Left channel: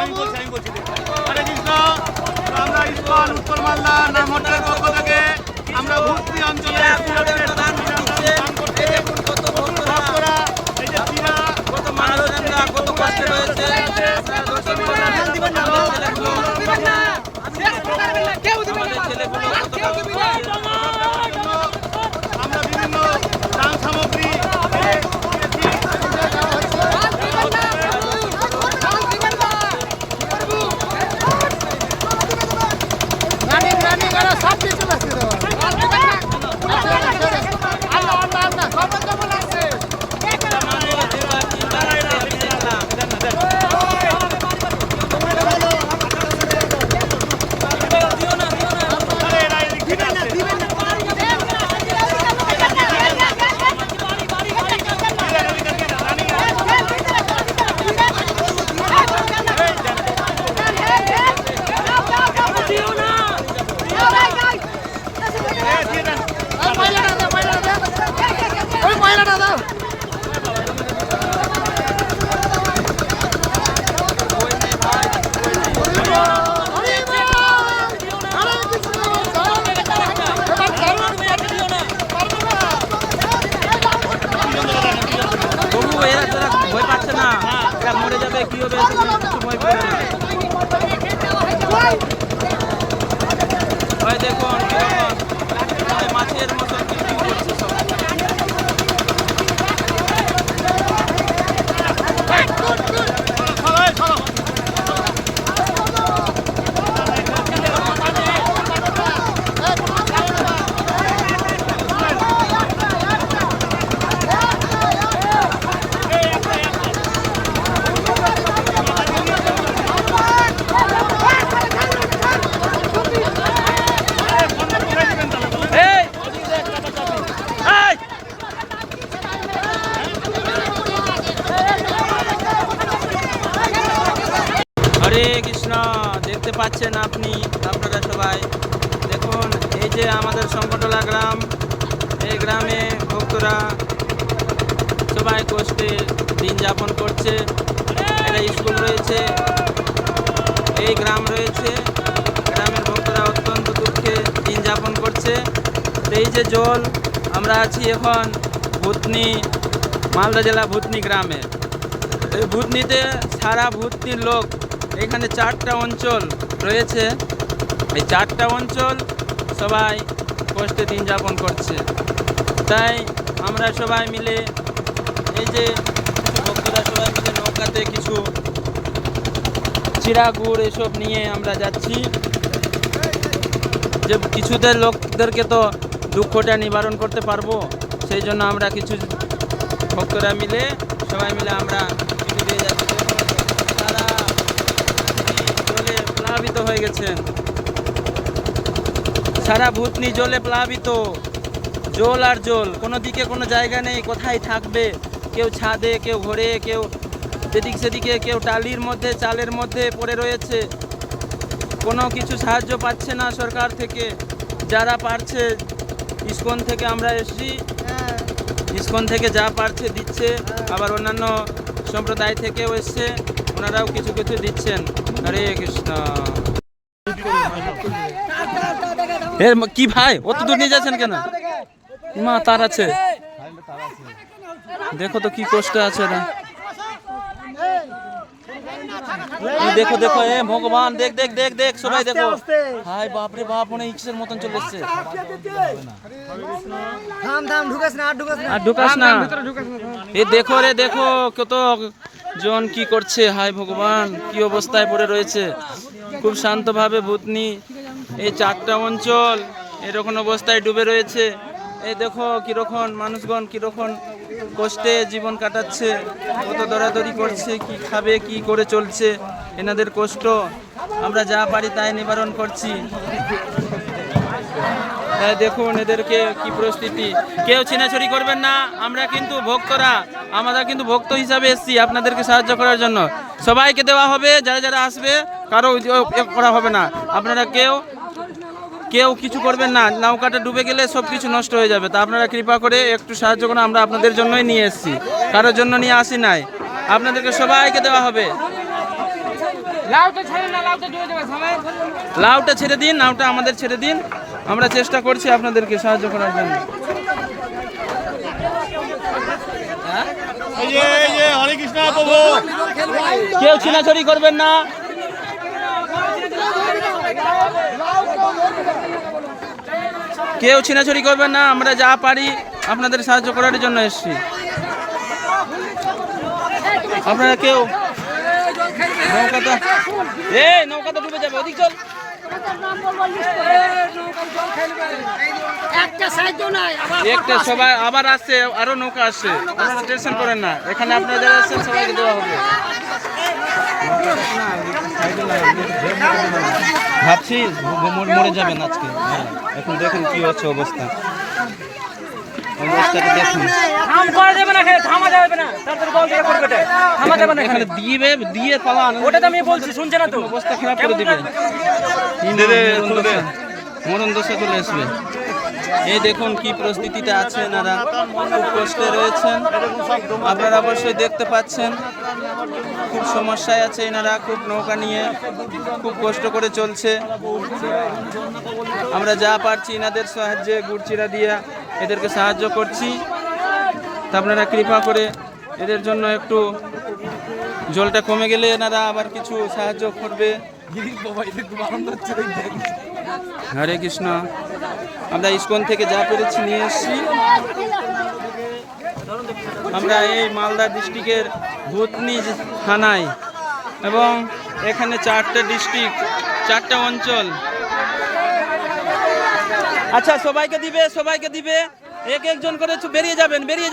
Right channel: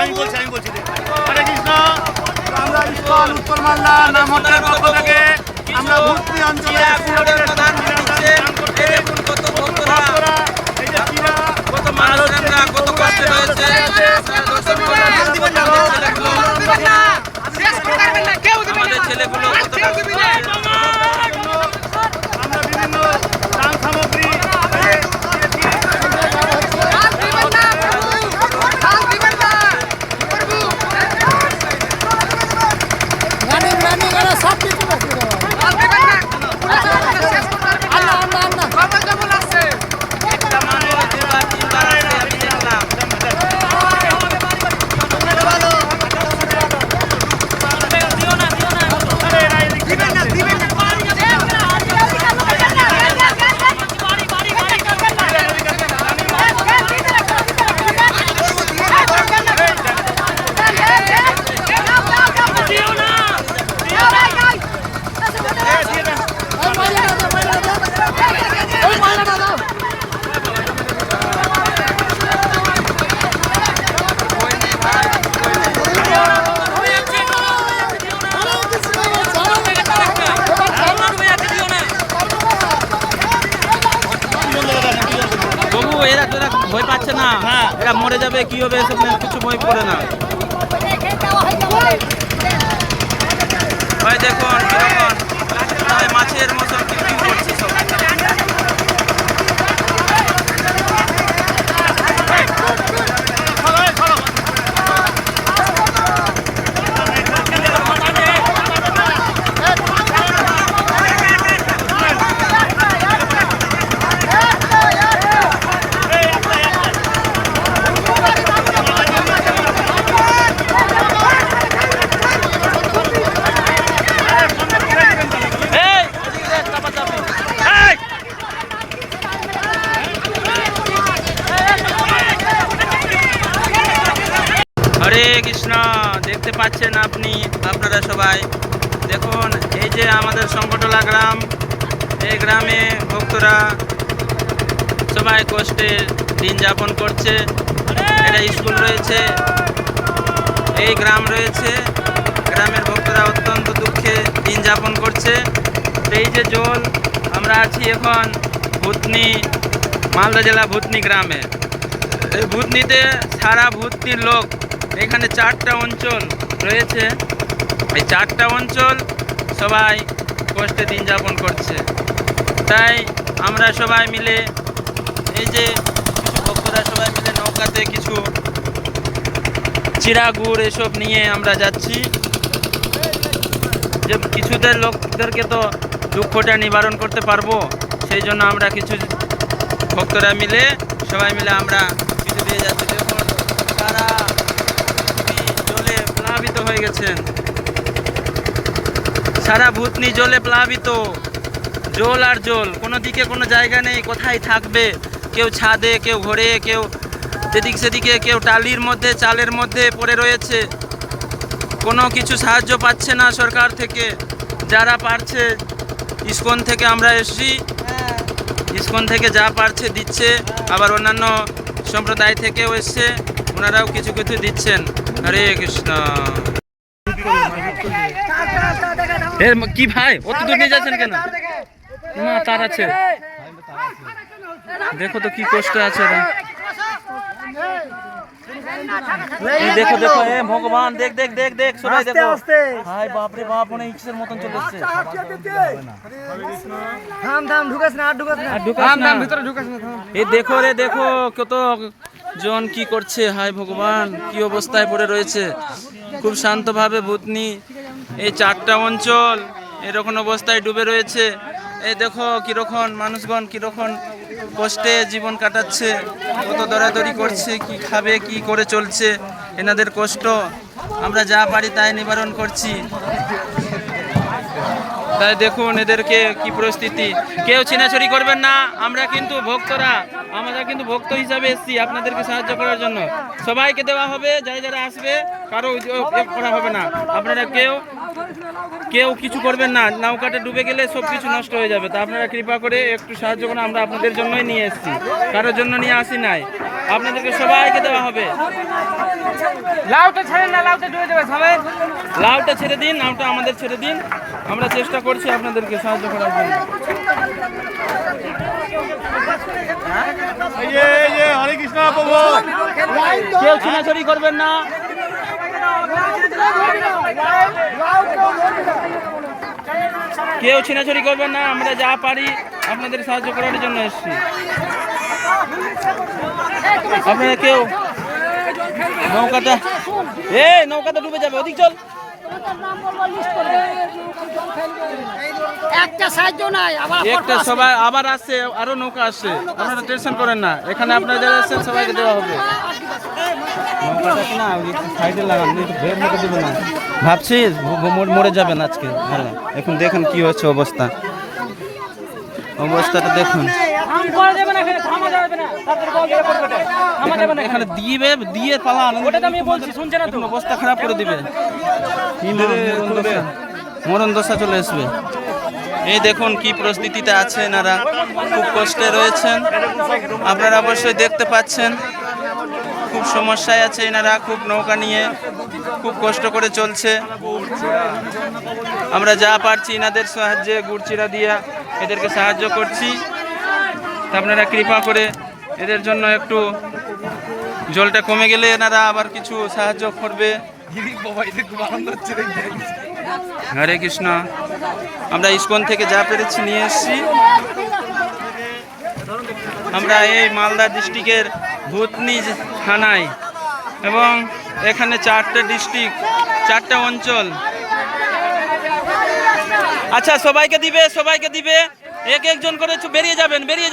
আমি বলছি হরে কৃষ্ণ। আমরা ইসকন উত্তর মালদা নামহট্টের পক্ষ থেকে আমরা ভুতনি অঞ্চলে ভক্তরা এই যে কত মানুষরা কত কষ্টে রয়েছে। আমাদের ছেলেগুলো কত আমরা বিভিন্ন দান সামগ্রী সব কিছু এরা তো ভয় পাচ্ছে না, এরা মরে যাবে কি হবে এসব কিছু ভয় করে না। ওই দেখুন কিরকম মাছের মতো করছে সব। হরে কৃষ্ণ। দেখতে পাচ্ছেন আপনারা সবাই দেখুন, এই যে আমাদের সংকটলা গ্রাম, এই গ্রামে ভক্তরা সবাই কষ্টে দিন যাপন করছে। এটা স্কুল রয়েছে, এই গ্রাম রয়েছে, গ্রামের ভক্তরা অত্যন্ত দুঃখে দিন যাপন করছে। এই যে জল, আমরা আছি এখন ভুতনি, মালদা জেলা ভুতনি গ্রামে। এই ভুতনিতে সারা ভুতনির লোক, এখানে 4টা অঞ্চল রয়েছে, এই 4টা অঞ্চল সবাই কষ্টে দিন যাপন করছে। তাই আমরা সবাই মিলে, এই যে কিছু ভক্তরা সবাই মিলে নৌকাতে কিছু চিড়া গুড় এসব নিয়ে আমরা যাচ্ছি, যে কিছুদের লোকদেরকে তো দুঃখটা নিবারণ করতে পারবো, সেই জন্য আমরা কিছু ভক্তরা মিলে সবাই মিলে আমরা কিছু দিয়ে যাচ্ছি। দেখুন তারা জলে প্লাবিত হয়ে গেছেন, সারা ভুতনি জলে প্লাবিত, জল আর জল, কোনো দিকে কোনো জায়গা নেই কোথায় থাকবে। কেউ ছাদে, কেউ ঘরে, কেউ এদিক সেদিকে, কেউ টালির মধ্যে, চালের মধ্যে পড়ে রয়েছে। কোনো কিছু সাহায্য পাচ্ছে না সরকার থেকে। যারা পারছে, ইসকন থেকে আমরা এসেছি, ইসকন থেকে যা পারছে দিচ্ছে, আবার অন্যান্য সম্প্রদায় থেকেও এসছে, ওনারাও কিছু কিছু দিচ্ছেন। হরে কৃষ্ণ। কি ভাই, অত দূর নিয়ে যাচ্ছেন কেন? মা তার আছে, দেখো তো কি কষ্ট আছে। দেখো দেখো, এ ভগবান, দেখ দেখ দেখ দেখ, সবাই দেখো। হাই বাপরে বাপ, মনে ইক্সের মতন চলে এসছে। ঢুকাস না, এই দেখো রে, দেখো কত জন কি করছে। হাই ভগবান, কি অবস্থায় পড়ে রয়েছে। খুব শান্তভাবে ভুতনি, এই 4টা অঞ্চল এরকম অবস্থায় ডুবে রয়েছে। এই দেখো কিরকম মানুষগণ কিরকম কষ্টে জীবন কাটাচ্ছে, কত দৌড়াদৌড়ি করছে, কি খাবে, কি করে চলছে, এনাদের কষ্ট আমরা যা পারি তাই নিবারণ করছি। তাই দেখুন এদেরকে কি পরিস্থিতি। কেউ ছিনাছড়ি করবেন না, আমরা কিন্তু ভক্তরা, আমরা কিন্তু ভক্ত হিসাবে এসেছি আপনাদেরকে সাহায্য করার জন্য। সবাইকে দেওয়া হবে, যারা যারা আসবে, কারো করা হবে না। আপনারা কেউ কিছু করবেন না, নৌকাটা ডুবে গেলে সব কিছু নষ্ট হয়ে যাবে। তা আপনারা কৃপা করে একটু সাহায্য করুন, আমরা আপনাদের জন্যই নিয়ে এসেছি, কারোর জন্য নিয়ে আসি নাই। আপনাদেরকে সবাইকে দেওয়া হবে। লাউটা ছেড়ে দিন, নাওটা আমাদের ছেড়ে দিন, আমরা চেষ্টা করছি আপনাদেরকে সাহায্য করার জন্য। এই যে হরে কৃষ্ণ প্রভু, কেউ ছিনাছড়ি করবেন না, কেউ ছিনাছড়ি করবেন না, আমরা যা পারি আপনাদের সাহায্য করার জন্য এসেছি। আপনারা কেউ নৌকাটা ডুবে যাবে, ওদিক চল। একটা সবাই আবার আসছে, আরো নৌকা আসছে, আপনারা টেনশন করেন না, এখানে আপনারা যারা আসছেন সবাইকে দেওয়া হবে। ভাবছি মরে যাবেন আজকে, এখন দেখুন কি হচ্ছে অবস্থাটা দেখুন। এখানে দিয়ে পালা অবস্থা খারাপ করে দিবে, মরণ দশা চলে আসবে। এই দেখুন কি পরিস্থিতিতে আছে এনারা, খুব কষ্টে রয়েছেন, আপনারা অবশ্যই দেখতে পাচ্ছেন। খুব সমস্যায় আছে এনারা, খুব নৌকা নিয়ে খুব কষ্ট করে চলছে। আমরা যা পারছি এনাদের সাহায্যে গুড়চিরা দিয়া এদেরকে সাহায্য করছি। তা আপনারা কৃপা করে এদের জন্য একটু জলটা কমে গেলে এনারা আবার কিছু সাহায্য করবে। হরে কৃষ্ণ। আমরা ইস্কন থেকে যা পেরেছি নিয়ে এসেছি। আমরা এই মালদা ডিস্ট্রিক্টের ভূতনি থানায়, এবং এখানে 4টে ডিস্ট্রিক্ট, 4টে অঞ্চল। আচ্ছা সবাইকে দিবে, একজন করে বেরিয়ে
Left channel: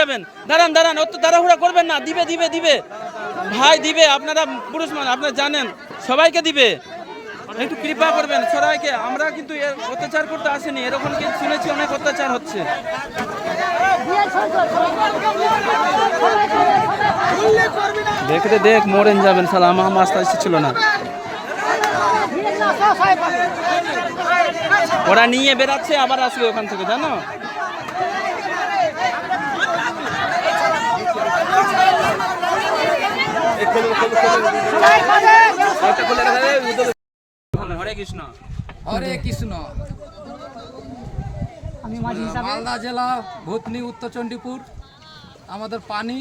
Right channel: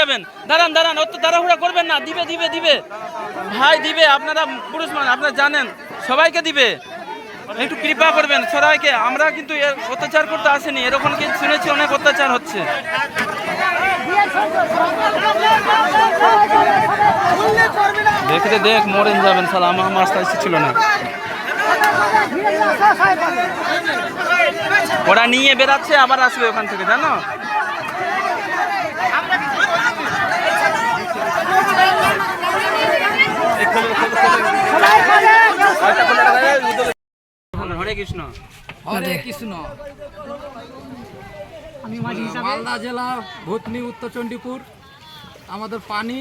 যাবেন। দাঁড়ান, অত তাড়াহুড়া করবেন না, দিবে ভাই, দিবে। আপনারা পুরুষ মানুষ, আপনারা জানেন, সবাইকে দিবে, একটু কৃপা করবেন সবাইকে। আমরা কিন্তু অত্যাচার করতে আসেনি, এরকম কি শুনেছি অনেক অত্যাচার হচ্ছে। দেখ মরেন যাবেন, সালা আমার মাস্টার ছিল না। ওরা নিয়ে বেরাচ্ছে, আবার আসবে ওখান থেকে, জানো। হরে কৃষ্ণ। হরে কৃষ্ণ। মালদা জেলা ভূতনি, উত্তর চণ্ডীপুর। আমাদের পানি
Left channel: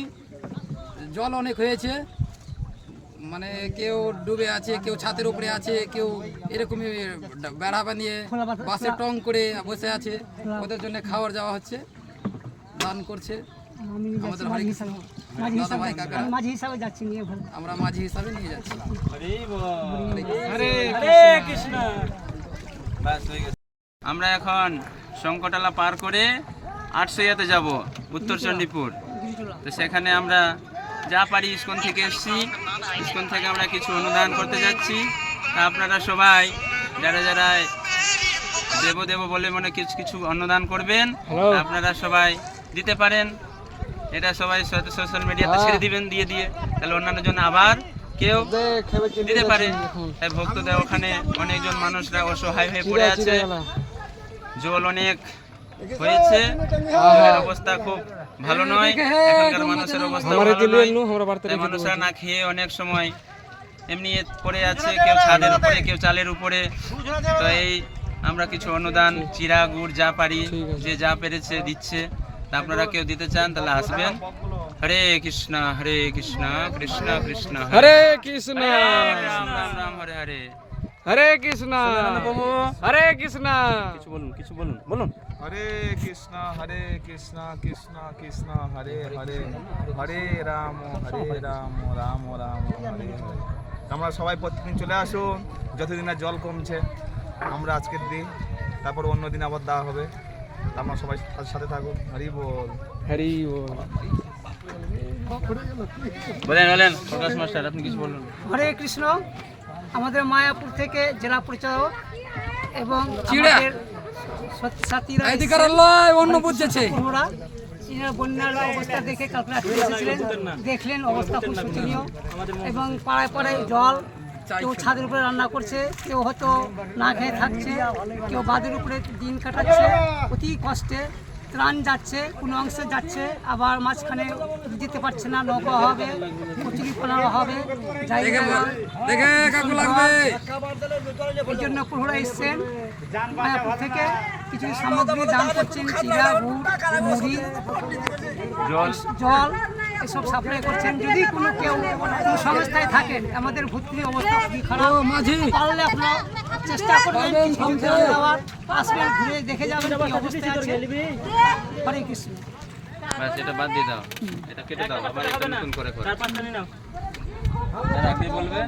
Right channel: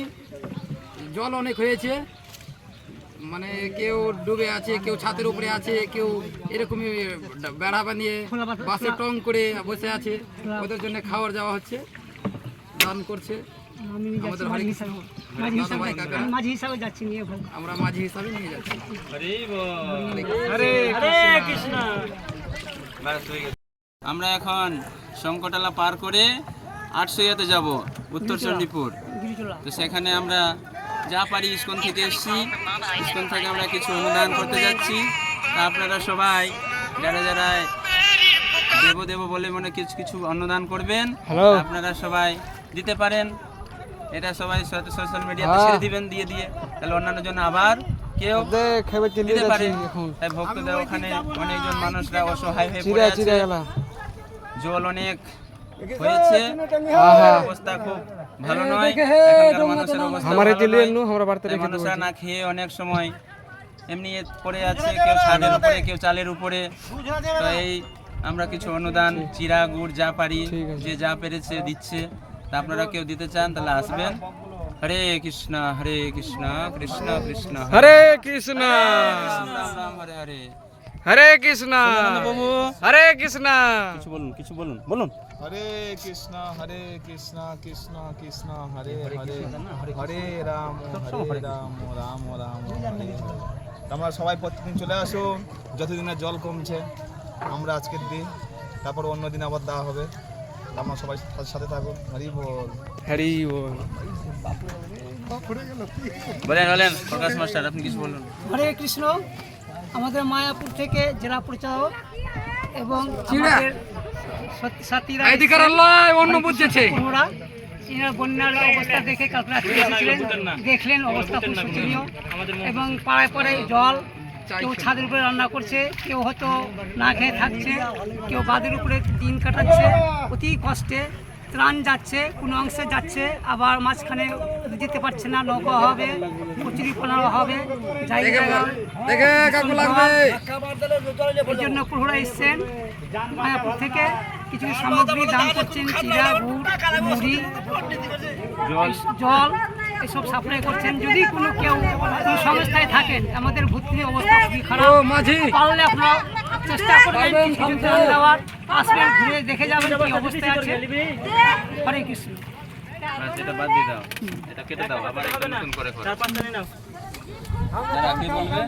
জল অনেক হয়েছে, মানে কেউ ডুবে আছে, কেউ ছাদের উপরে আছে, কেউ এরকমই বেড়া বানিয়ে বাসে টং করে বসে আছে। ওদের জন্য খাবার যাওয়া হচ্ছে, দান করছে আমাদের হরে কৃষ্ণ দাদা ভাই কাকা। আমরা মাঝি হিসাবে নিয়ে যাচ্ছি। হরে কৃষ্ণ। আমরা এখন সংকটালা পার করে 800 যাব উত্তর চণ্ডীপুর। তো সেখানে আমরা যা পারি ইস্কন থেকে এসেছি, ইস্কন থেকে আমরা কিছু অনুদান করতে যাচ্ছি। তা আপনারা সবাই যারা দেব বলে মনে কিছু অনুদান করবেন, আপনারা সবাই দিতে পারেন। এটা সবাই সোশ্যাল মিডিয়াতে ছেড়ে দিবেন, দিয়ে তাহলে অন্যান্য জন আবার কেউ দিতে পারে। তাই ভক্তদের ওখানে অনেকজন মানুষরা অসহায় হয়ে পড়ে আছে, জল অনেক হয়েছে, অবস্থা খুব ভালো নয়। এখানকার মানুষের অবস্থা মানুষরা না খেয়ে অনেক সময় এমনি পড়ে আছে, কেউ ছাদের উপরে, কেউ চালের উপরে। তো এই আমরা কিছু অনুদান, চিরা গুড় যা পারি, যে যা পেরেছে দিচ্ছে। তা আপনারা কেউ দিতে চান তাহলে আসবেন। হরে কৃষ্ণ কৃষ্ণ কৃষ্ণ হরে কৃষ্ণ, রাম রাম হরে হরে। হরে কৃষ্ণ বাবু, হরে কৃষ্ণ। কিছু বলুন। হরে কৃষ্ণ কৃষ্ণ কৃষ্ণ হরে হরে, হরে রাম রাম রাম হরে হরে। আমরা সবাই প্রত্যেকদিন চলে আসো, যতদিন না জল কমছে। আমরা আজকের দিই, তারপর অন্য দিন আবার দেওয়া হবে। আমরা সবাই সাথে থাকুন। হরি বল, হরি বল। বলেন প্রকাশ মাস্টার, আপনি কিছু বলুন। হরে কৃষ্ণ। আমাদের মায়াপুর থেকে জেলা পরিচালক এবং আমাদের সাথীরা অন্য বুঝেছে, বন্যার অবস্থা দেখে কালকে এসেছিলেন, দেখলেন অবস্থা খুব শোচনীয়। এবং পাড়ায় জল, কেউ ছাদের উপরে রান্না করছে, কেউ হয়তো না খেয়ে থাকছে, কেউ বাদের উপরে দিন কাটাচ্ছে অতি কষ্টে। ত্রাণ যাচ্ছে, কোনো অংশে যাচ্ছে, আবার মাঝখানে যেতে পারছে না, নৌকা হবে, কচুরিপানা হবে, জায়গা দেখে কাকু লাগবে। এই জন্য প্রহরা এসছেন মায়াপুর থেকে, কিছু সামগ্রী দান করছেন, চিরা, গুড়, মুড়ি, জল এসব সাপ্লাই করছেন। যদি কোনো কেউ কোনো সংস্থায় থাকেন, আমাদের ভর্তি অবস্থা খুবই খারাপ, ও মাঝি পারলে আপনারা চেষ্টা করবেন কিছু ত্রাণ দেওয়ার, আসবেন, ঘুরে দেখে যাবেন কি অবস্থায় আছে। হরে কৃষ্ণ। এটা বাদ দিয়ে দাও, এটা কেটে দাও, আবার একটা নতুন করে করো। তারা কি বলবে?